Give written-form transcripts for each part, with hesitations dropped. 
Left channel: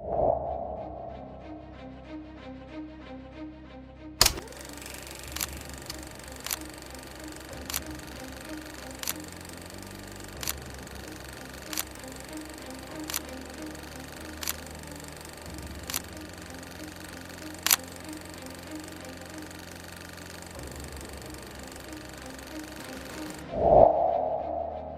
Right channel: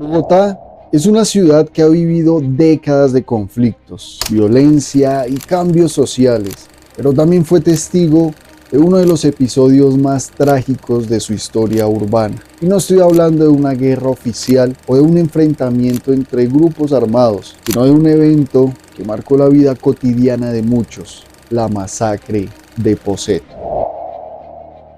Bogotá es una ciudad que ha vivido décadas de conflictos, violencia y cambios sociales, pero también fue testigo de uno de los episodios más trágicos de su historia urbana. Y no estoy hablando de una guerra oficial o de un enfrentamiento entre grupos armados, sino de un evento que marcó la vida cotidiana de muchos, la masacre de Poseto.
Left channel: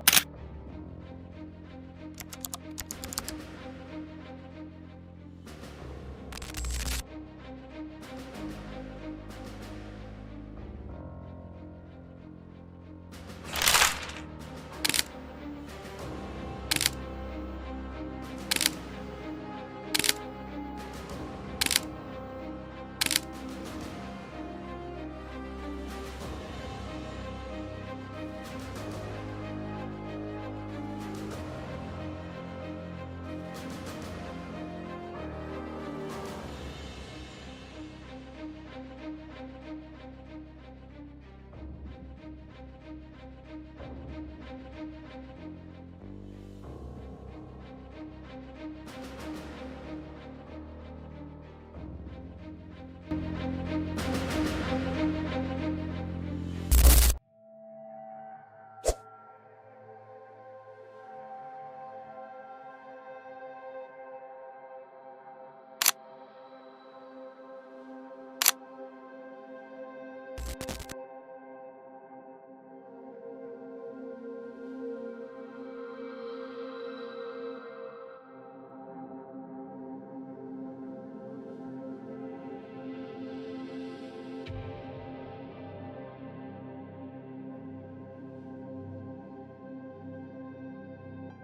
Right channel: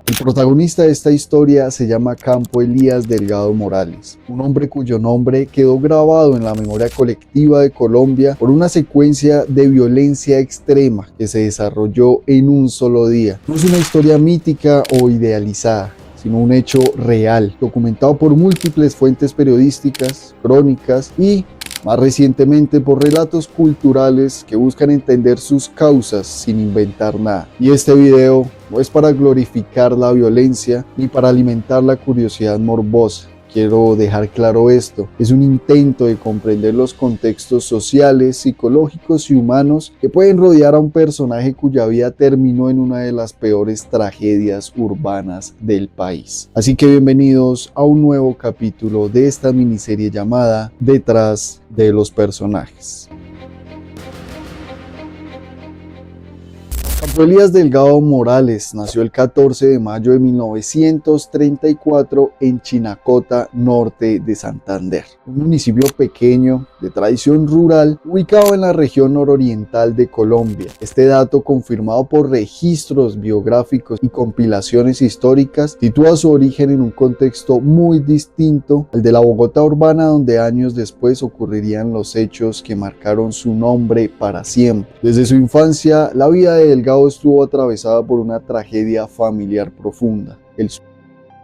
El protagonista de esta historia se llama Campo Elías Delgado Morales, un hombre cuyo nombre quedó grabado en la memoria colectiva de Colombia por una secuencia de violencia extrema que se desarrolló en un solo día. No es una historia mítica o idealizada, sino un hecho real, documentado por múltiples fuentes periodísticas, crónicas y, más recientemente, por relatos culturales que buscan entender sus causas sin inventar nada. Y este video no es para glorificar la violencia ni para alimentar la curiosidad morbosa. Quiero dejar claro esto, es un intento de comprender los contextos sociales, psicológicos y humanos que pueden rodear a un personaje cuya vida terminó en una de las peores tragedias urbanas del país. Así que bienvenidos a un nuevo capítulo de esta miniserie llamada Detrás de los personajes. Campo Elías Delgado Morales nació el 14 de mayo de 1934 en Chinacota, norte de Santander, un municipio pequeño de tradición rural ubicado en la región nororiental de Colombia. Este dato, confirmado por registros biográficos y compilaciones históricas, sitúa su origen en un contexto muy distinto al de la Bogotá urbana, donde años después ocurrirían los hechos que marcaron su nombre para siempre. Desde su infancia, la vida de Delgado estuvo atravesada por una tragedia familiar profunda, el suicidio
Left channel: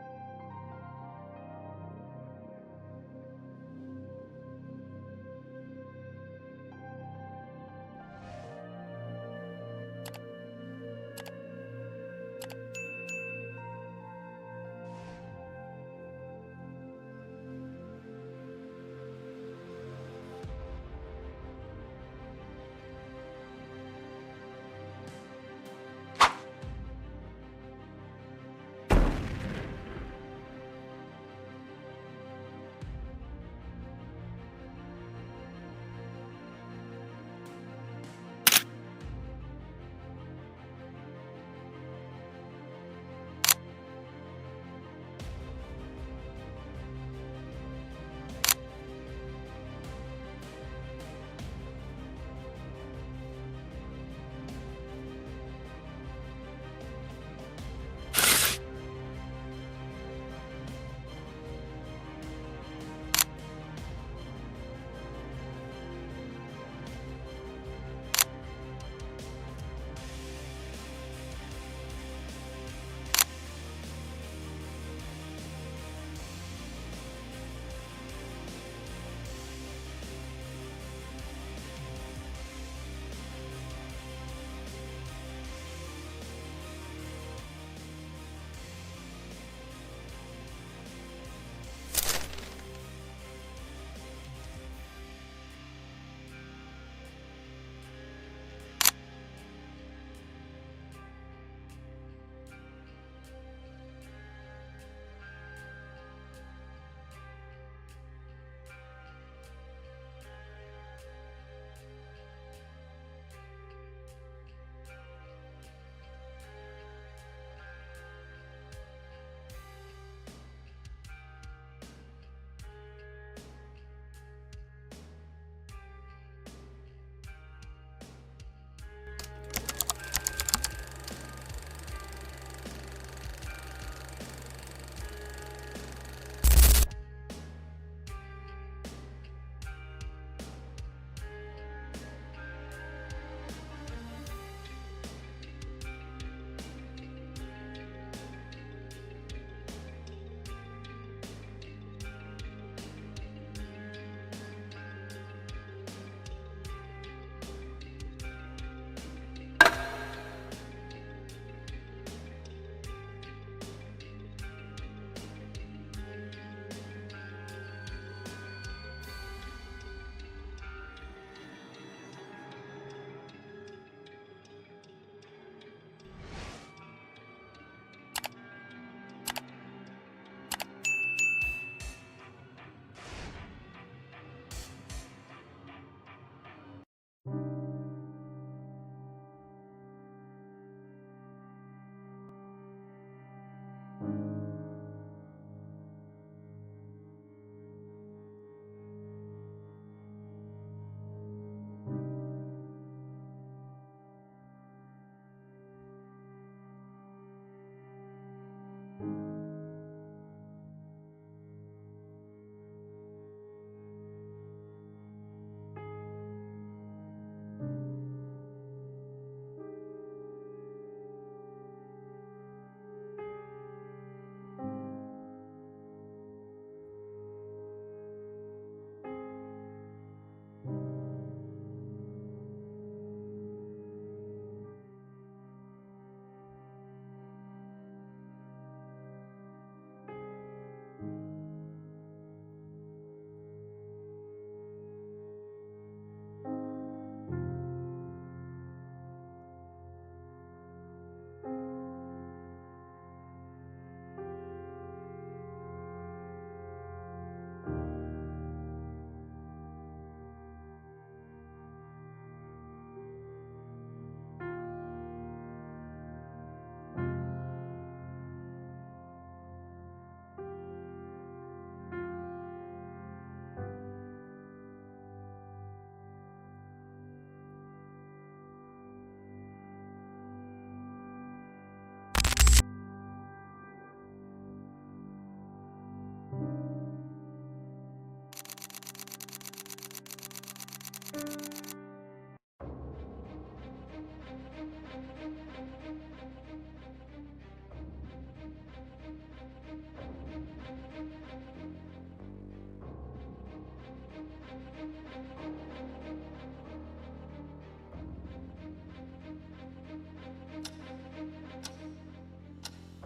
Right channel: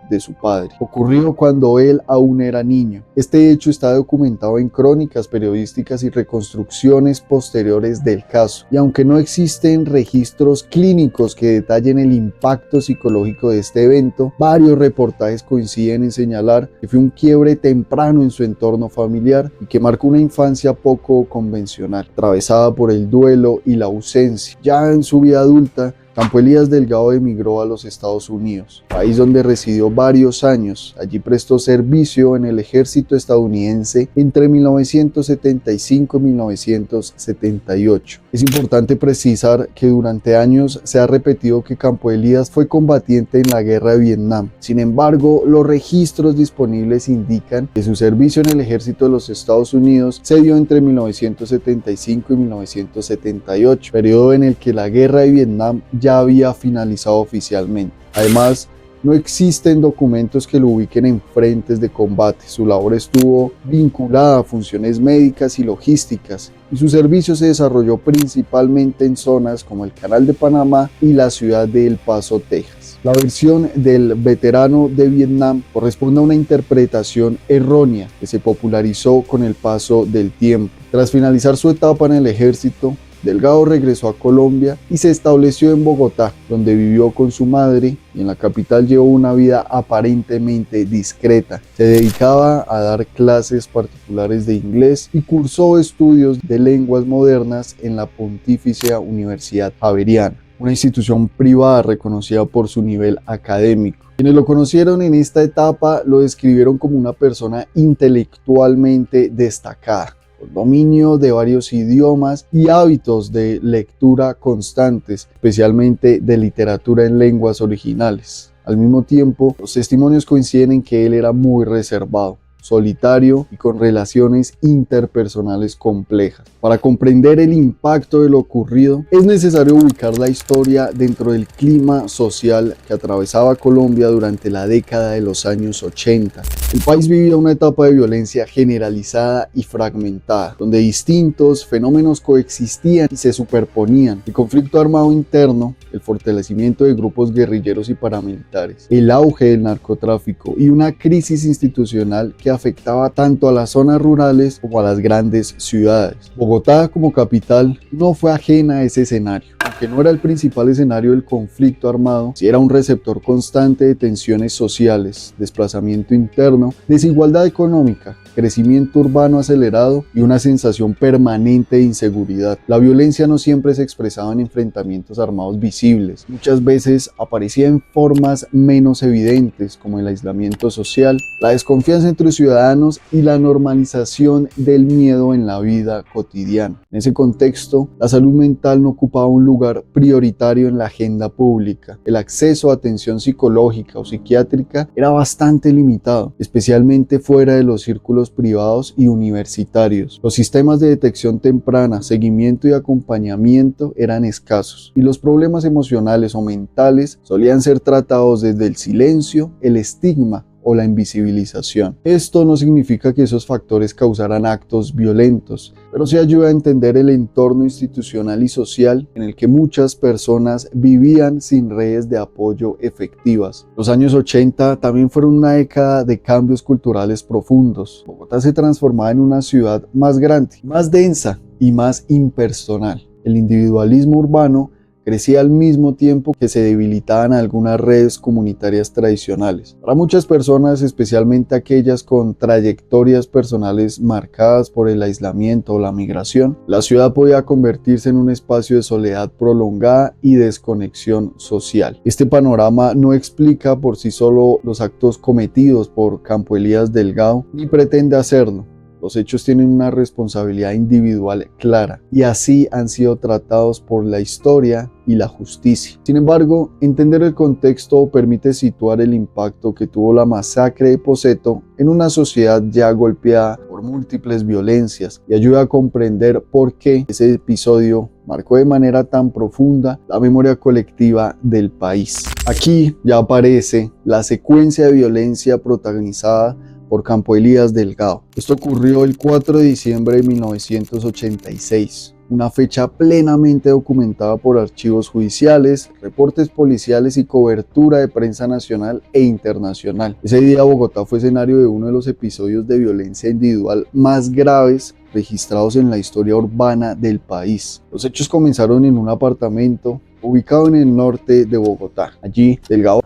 de su padre. Ocurrió cuando él aún era niño. Este hecho está documentado en crónicas periodísticas y reconstrucciones posteriores del caso. Y aunque no existen registros clínicos que detallen el impacto psicológico de este evento, varios reportajes coinciden en señalar que fue un quiebre temprano en su entorno familiar y que marcó una infancia poco convencional, atravesada por el duelo y la ausencia. Ya en su vida adulta, Campo Elías Delgado emigró a los Estados Unidos, país donde residió varios años. Allí prestó servicio en el ejército estadounidense entre 1975 y 1978. Es importante precisar que durante años se ha repetido que Campo Elías fue combatiente en la guerra de Vietnam. Sin embargo, los registros disponibles indican que su servicio en el ejército de los Estados Unidos se dio entre 1975 y 1978, periodo en el que la guerra de Vietnam ya había finalizado oficialmente. Además, no existen documentos que lo ubiquen en frentes de combate. Su labor estuvo vinculada a funciones médicas y logísticas, y su servicio se desarrolló principalmente en zonas como el Canal de Panamá y la ciudad de El Paso, Texas. La versión del veterano de Vietnam corresponde a una interpretación errónea que se popularizó con el paso del tiempo. Tras finalizar su etapa en el ejército, Delgado regresó a Colombia y se estableció en Bogotá, donde vivió con su madre, y en la capital llevó una vida aparentemente discreta. Se dedicaba a dar clases particulares de inglés y cursó estudios de lenguas modernas en la Pontificia Universidad Javeriana, una institución privada reconocida por su nivel académico. Quienes lo conocieron en esta etapa lo describieron como una persona intelectualmente destacada, con dominio de varios idiomas y hábitos de lectura constantes, especialmente de literatura en lenguas originales. Al mismo tiempo, los testimonios coinciden en que él era muy reservado, solitario y con relaciones interpersonales complejas. Para comprender el impacto de lo ocurrido, es necesario ubicar la historia dentro del clima social que atravesaba Colombia durante la década de los años 80. El país vivía una etapa de violencia generalizada y fragmentada, donde distintos fenómenos coexistían y se superponían: el conflicto armado interno, el fortalecimiento de grupos guerrilleros y paramilitares, el auge del narcotráfico y una crisis institucional que afectaba tanto a las zonas rurales como a las grandes ciudades. Bogotá, como capital, no fue ajena a ese escenario. Aunque no era el principal escenario del conflicto armado, sí era un receptor constante de tensiones sociales, desplazamiento interno, desigualdad económica, crecimiento urbano acelerado y una sensación permanente de inseguridad. La violencia no siempre se expresaba en enfrentamientos armados visibles, muchas veces aparecía en formas menos evidentes como el aislamiento social, la desconfianza entre ciudadanos y la normalización del miedo en la vida cotidiana. En ese contexto, la salud mental no ocupaba un lugar prioritario en la agenda pública. El acceso a atención psicológica o psiquiátrica era bastante limitado, especialmente fuera de los círculos privados y universitarios. Los sistemas de detección temprana, seguimiento y acompañamiento eran escasos, y los problemas emocionales o mentales solían ser tratados desde el silencio, el estigma o la invisibilización. Esto no significa que esos factores causaran actos violentos, pero sí ayuda a entender el entorno institucional y social en el que muchas personas vivían sin redes de apoyo efectivas. Los años 80 también fueron una década de cambios culturales profundos. Bogotá se transformaba en una ciudad más grande, más densa y más impersonal. El individualismo urbano crecía al mismo tiempo que se debilitaban algunas redes comunitarias tradicionales. Para muchas personas, especialmente aquellas con trayectorias personales marcadas por el aislamiento o la migración, la ciudad podía convertirse en un espacio de soledad prolongada y desconexión social. Este panorama no explica por sí solo los actos cometidos por Campo Elías Delgado, ni pretende hacerlo. Los hechos tienen una responsabilidad individual clara y así han sido tratados por la historia y la justicia. Sin embargo, entender el contexto permite situar el impacto que tuvo la masacre de Poseto en una sociedad ya golpeada por múltiples violencias y ayuda a comprender por qué ese episodio marcó de manera tan profunda la memoria colectiva del país. Aquí ya aparece la secuencia de violencia protagonizada por Campo Elías Delgado. Esto ocurrió el 4 de diciembre de 1986. Una fecha plenamente documentada por archivos judiciales, reportes policiales y cobertura de prensa nacional e internacional. Ese día Bogotá fue escenario de uno de los episodios de violencia individual más graves registrados en la historia urbana del país. Los hechos comenzaron en un apartamento ubicado en el norte de Bogotá. Allí, Delgado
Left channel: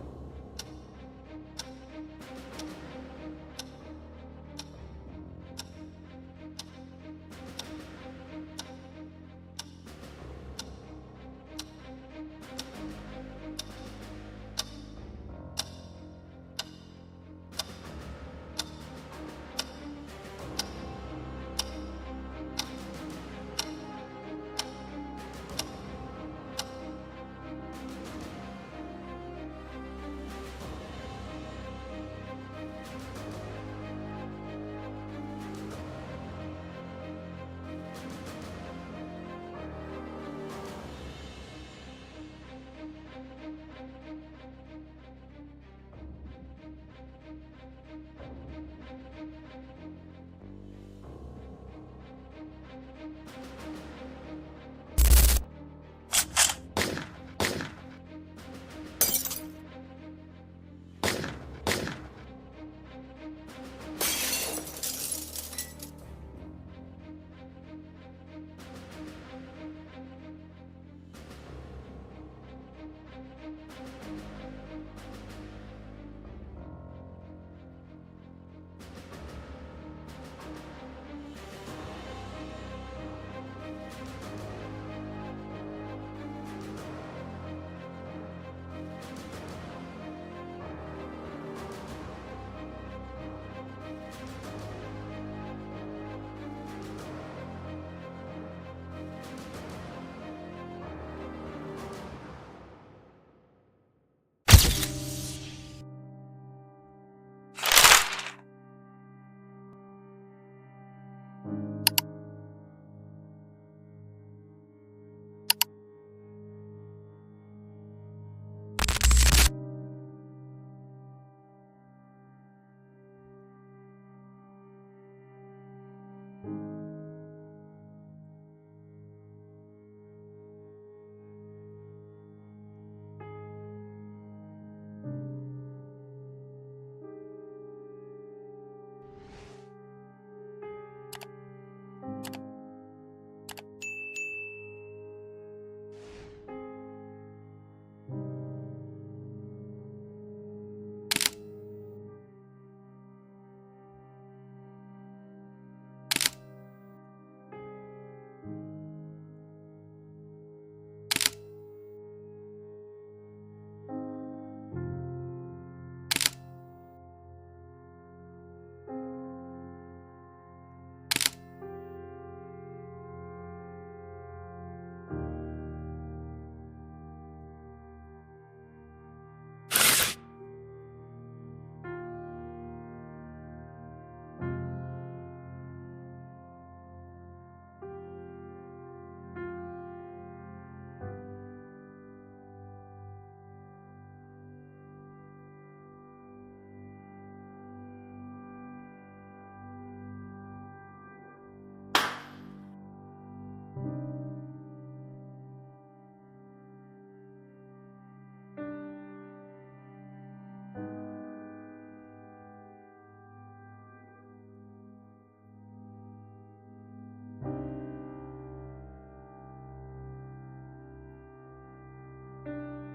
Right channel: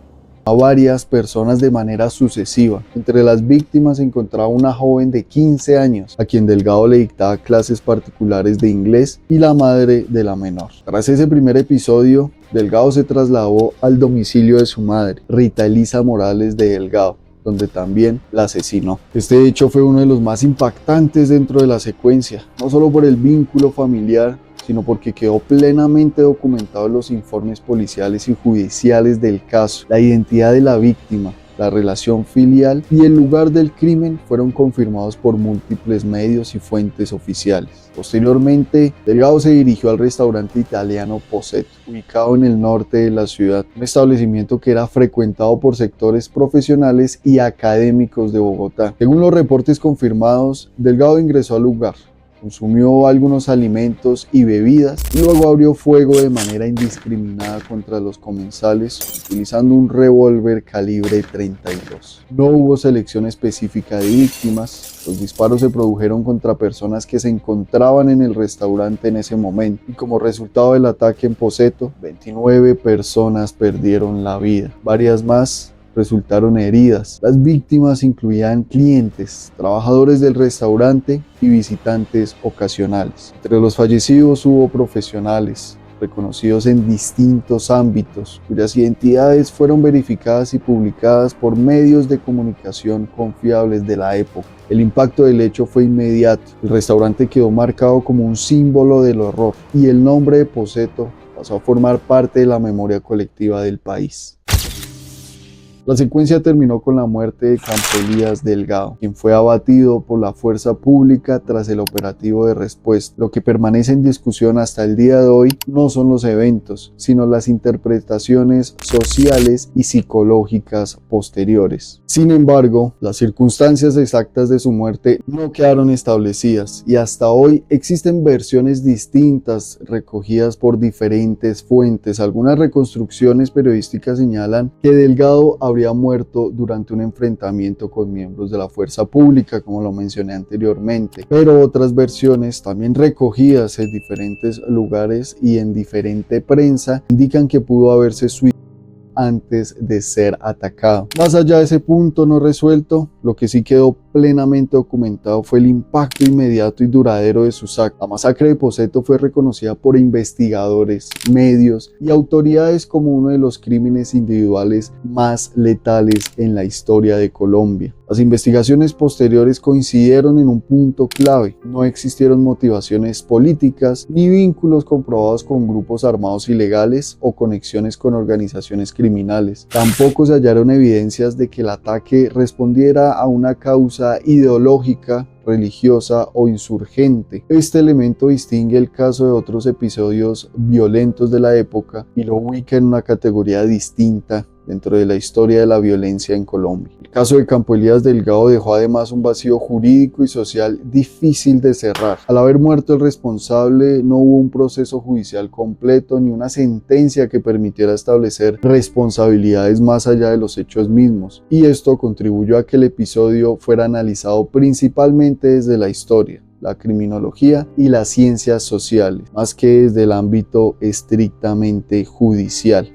a varias personas de manera sucesiva. Entre las víctimas se encontraba una joven de 15 años, a quien Delgado le dictaba clases particulares de inglés, y la madre de la menor. Tras ese primer episodio, Delgado se trasladó al domicilio de su madre, Rita Elisa Morales de Delgado, donde también la asesinó. Este hecho fue uno de los más impactantes dentro de la secuencia, no solo por el vínculo familiar, sino porque quedó plenamente documentado en los informes policiales y judiciales del caso. La identidad de la víctima, la relación filial y el lugar del crimen fueron confirmados por múltiples medios y fuentes oficiales. Posteriormente, Delgado se dirigió al restaurante italiano Poseto, ubicado en el norte de la ciudad, un establecimiento que era frecuentado por sectores profesionales y académicos de Bogotá. Según los reportes confirmados, Delgado ingresó al lugar, consumió algunos alimentos y bebidas y luego abrió fuego de manera indiscriminada contra los comensales utilizando un revólver calibre 32. No hubo selección específica de víctimas. Los disparos se produjeron contra personas que se encontraban en el restaurante en ese momento y como resultado del ataque en Poseto, 29 personas perdieron la vida. Varias más resultaron heridas. Las víctimas incluían clientes, trabajadores del restaurante y visitantes ocasionales. Entre los fallecidos hubo profesionales reconocidos en distintos ámbitos, cuyas identidades fueron verificadas y publicadas por medios de comunicación confiables de la época. El impacto del hecho fue inmediato. El restaurante quedó marcado como un símbolo del horror y el nombre de Poseto pasó a formar parte de la memoria colectiva del país. La secuencia terminó con la muerte de Campo Elías Delgado, quien fue abatido por la fuerza pública tras el operativo de respuesta. Lo que permanece en discusión hasta el día de hoy no son los eventos, sino las interpretaciones sociales y psicológicas posteriores. Sin embargo, las circunstancias exactas de su muerte no quedaron establecidas y hasta hoy existen versiones distintas recogidas por diferentes fuentes. Algunas reconstrucciones periodísticas señalan que Delgado habría muerto durante un enfrentamiento con miembros de la fuerza pública, como lo mencioné anteriormente, pero otras versiones, también recogidas en diferentes lugares y en diferente prensa, indican que pudo haberse suicidado antes de ser atacado. Más allá de ese punto no resuelto, lo que sí quedó plenamente documentado fue el impacto inmediato y duradero de sus actos. La masacre de Poseto fue reconocida por investigadores, medios y autoridades como uno de los crímenes individuales más letales en la historia de Colombia. Las investigaciones posteriores coincidieron en un punto clave: no existieron motivaciones políticas ni vínculos comprobados con grupos armados ilegales o conexiones con organizaciones criminales. Tampoco se hallaron evidencias de que el ataque respondiera a una causa ideológica, religiosa o insurgente. Este elemento distingue el caso de otros episodios violentos de la época y lo ubica en una categoría distinta dentro de la historia de la violencia en Colombia. El caso de Campo Elías Delgado dejó además un vacío jurídico y social difícil de cerrar. Al haber muerto el responsable, no hubo un proceso judicial completo ni una sentencia que permitiera establecer responsabilidades más allá de los hechos mismos, y esto contribuyó a que el episodio fuera analizado principalmente desde la historia, la criminología y las ciencias sociales, más que desde el ámbito estrictamente judicial.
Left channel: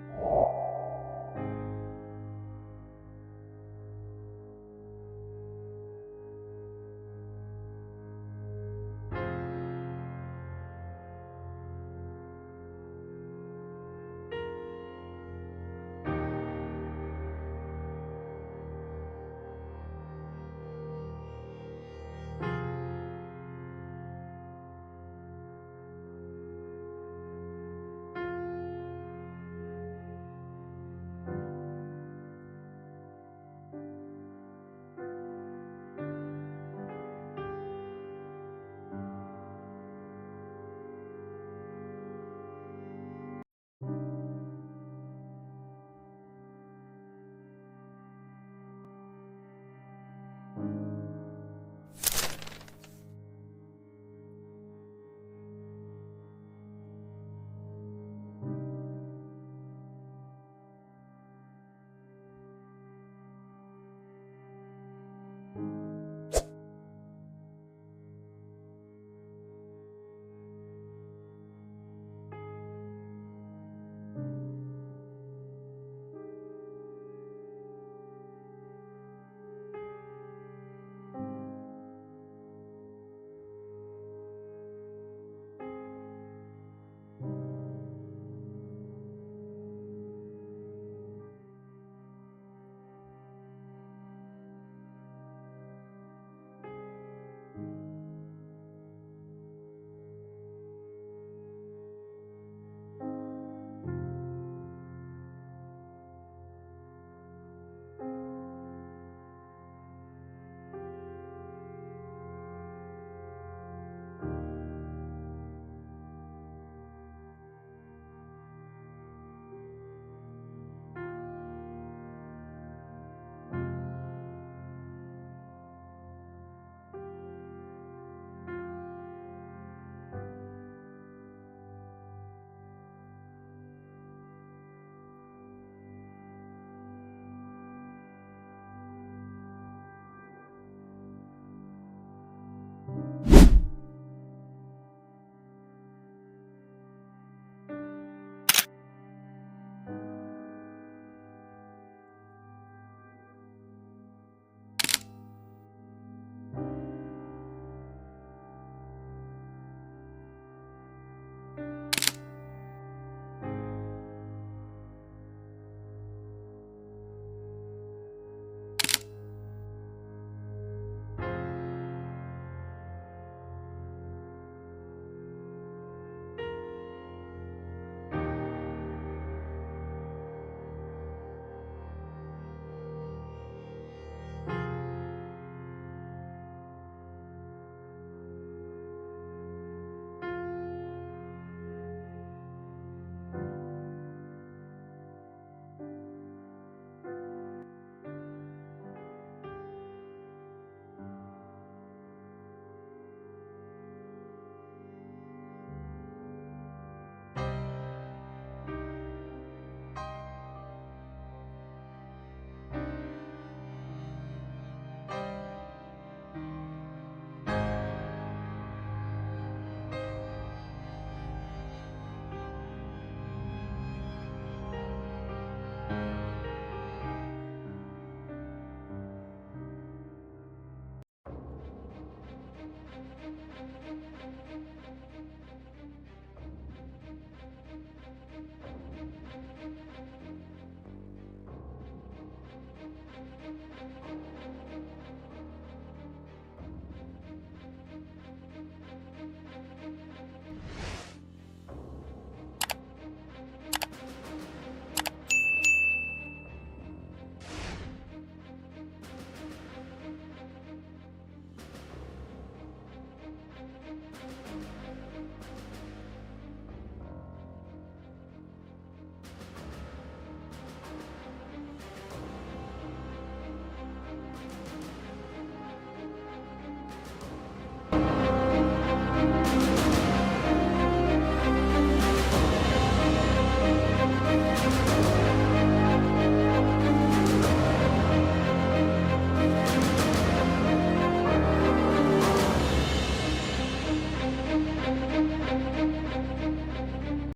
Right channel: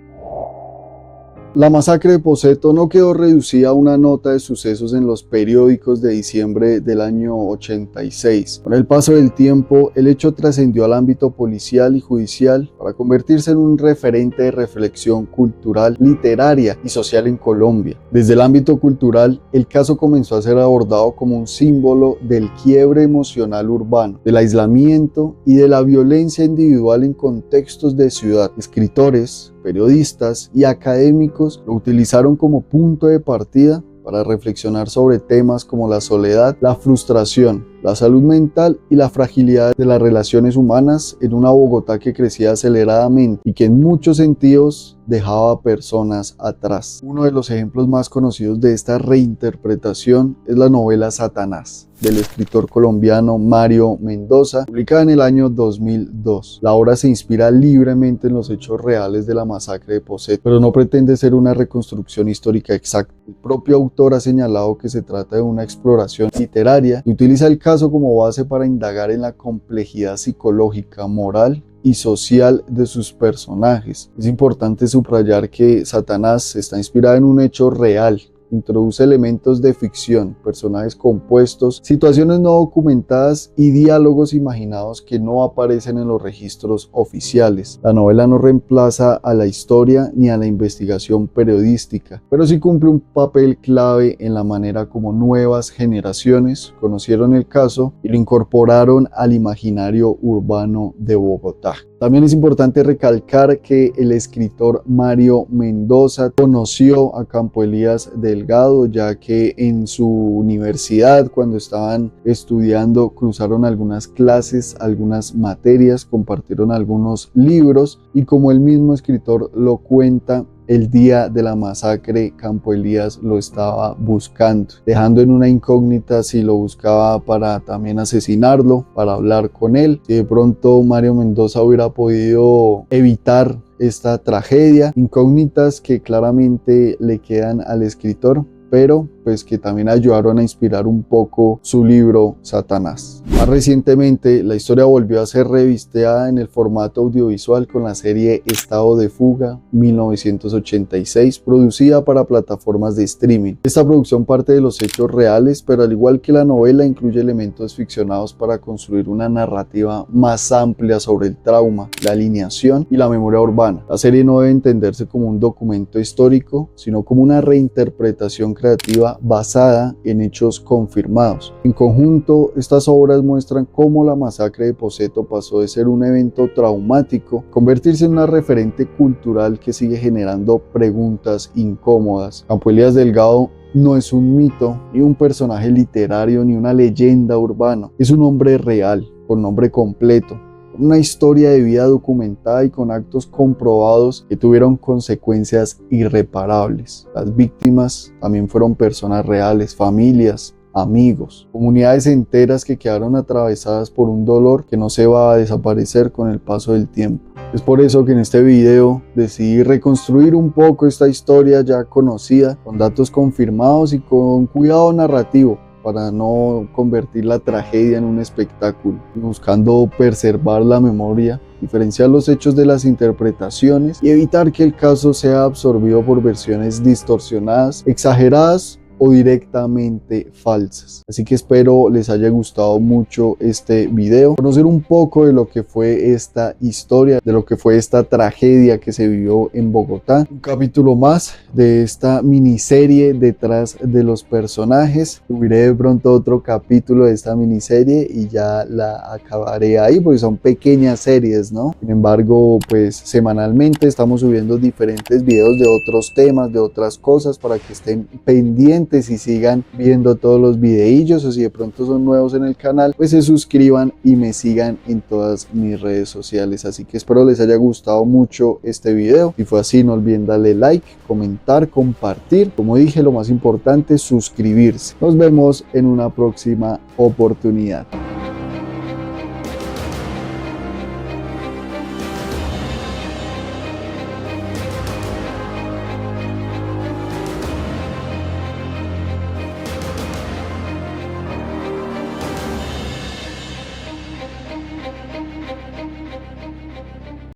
La masacre de Poseto no quedó reducida a una nota de sucesos en los periódicos de diciembre del año 86. Con el paso del tiempo, el hecho trascendió al ámbito policial y judicial para convertirse en un referente de reflexión cultural, literaria y social en Colombia. Desde el ámbito cultural, el caso comenzó a ser abordado como un símbolo del quiebre emocional urbano, del aislamiento y de la violencia individual en contextos de ciudad. Escritores, periodistas y académicos lo utilizaron como punto de partida para reflexionar sobre temas como la soledad, la frustración, la salud mental y la fragilidad de las relaciones humanas en una Bogotá que crecía aceleradamente y que en muchos sentidos dejaba a personas atrás. Uno de los ejemplos más conocidos de esta reinterpretación es la novela Satanás, del escritor colombiano Mario Mendoza, publicada en el año 2002. La obra se inspira libremente en los hechos reales de la masacre de Poseto, pero no pretende ser una reconstrucción histórica exacta. El propio autor ha señalado que se trata de una exploración literaria y utiliza el caso como base para indagar en la complejidad psicológica, moral y social de sus personajes. Es importante subrayar que Satanás está inspirada en un hecho real. Introduce elementos de ficción, personajes compuestos, situaciones no documentadas y diálogos imaginados que no aparecen en los registros oficiales. La novela no reemplaza a la historia ni a la investigación periodística, pero sí cumple un papel clave en la manera como nuevas generaciones conocieron el caso y lo incorporaron al imaginario urbano de Bogotá. También es importante recalcar que el escritor Mario Mendoza conoció a Campo Elías Delgado, ya que en su universidad, cuando estaban estudiando, cruzaron algunas clases, algunas materias, compartieron algunos libros y, como el mismo escritor lo cuenta, el día de la masacre Campo Elías lo estaba buscando, dejando en una incógnita si lo buscaba para también asesinarlo, para hablar con él. Si de pronto Mario Mendoza hubiera podido evitar esta tragedia, incógnitas que claramente le quedan al escritor, pero pues que también ayudaron a inspirar un poco su libro Satanás. Más recientemente, la historia volvió a ser revistada en el formato audiovisual con la serie Estado de Fuga 1986, producida para plataformas de streaming. Esta producción parte de los hechos reales, pero al igual que la novela, incluye elementos ficcionados para construir una narrativa más amplia sobre el trauma, la alineación y la memoria urbana. La serie no debe entenderse como un documento histórico, sino como una reinterpretación creativa basada en hechos confirmados. En conjunto, estas obras muestran cómo la masacre de Poseto pasó de ser un evento traumático a convertirse en una referente cultural que sigue generando preguntas incómodas. Campo Elías Delgado no es un mito, ni un personaje literario, ni una leyenda urbana. Es un hombre real, con nombre completo, una historia de vida documentada y con actos comprobados que tuvieron consecuencias irreparables. Las víctimas también fueron personas reales, familias, amigos, comunidades enteras que quedaron atravesadas por un dolor que no se va a desaparecer con el paso del tiempo. Es por eso que en este video decidí reconstruir un poco esta historia ya conocida, con datos confirmados y con cuidado narrativo, para no convertir la tragedia en un espectáculo, buscando preservar la memoria, diferenciar los hechos de las interpretaciones y evitar que el caso sea absorbido por versiones distorsionadas, exageradas o directamente falsas. Así que espero les haya gustado mucho este video, conocer un poco de lo que fue esta historia, de lo que fue esta tragedia que se vivió en Bogotá. Un capítulo más de esta miniserie detrás de los personajes. Subiré de pronto otro capítulo de esta miniserie y ya la acabaré ahí, porque son pequeñas series, ¿no? Sin embargo, pues semanalmente estamos subiendo diferentes videos de otros temas, de otras cosas, para que estén pendientes y sigan viendo todos los videillos, o si de pronto son nuevos en el canal, pues se suscriban y me sigan en todas mis redes sociales. Así que espero les haya gustado mucho este video. Si fue así, no olviden darle like, comentar, compartir. Como dije, lo más importante, suscribirse. Nos vemos en una próxima oportunidad.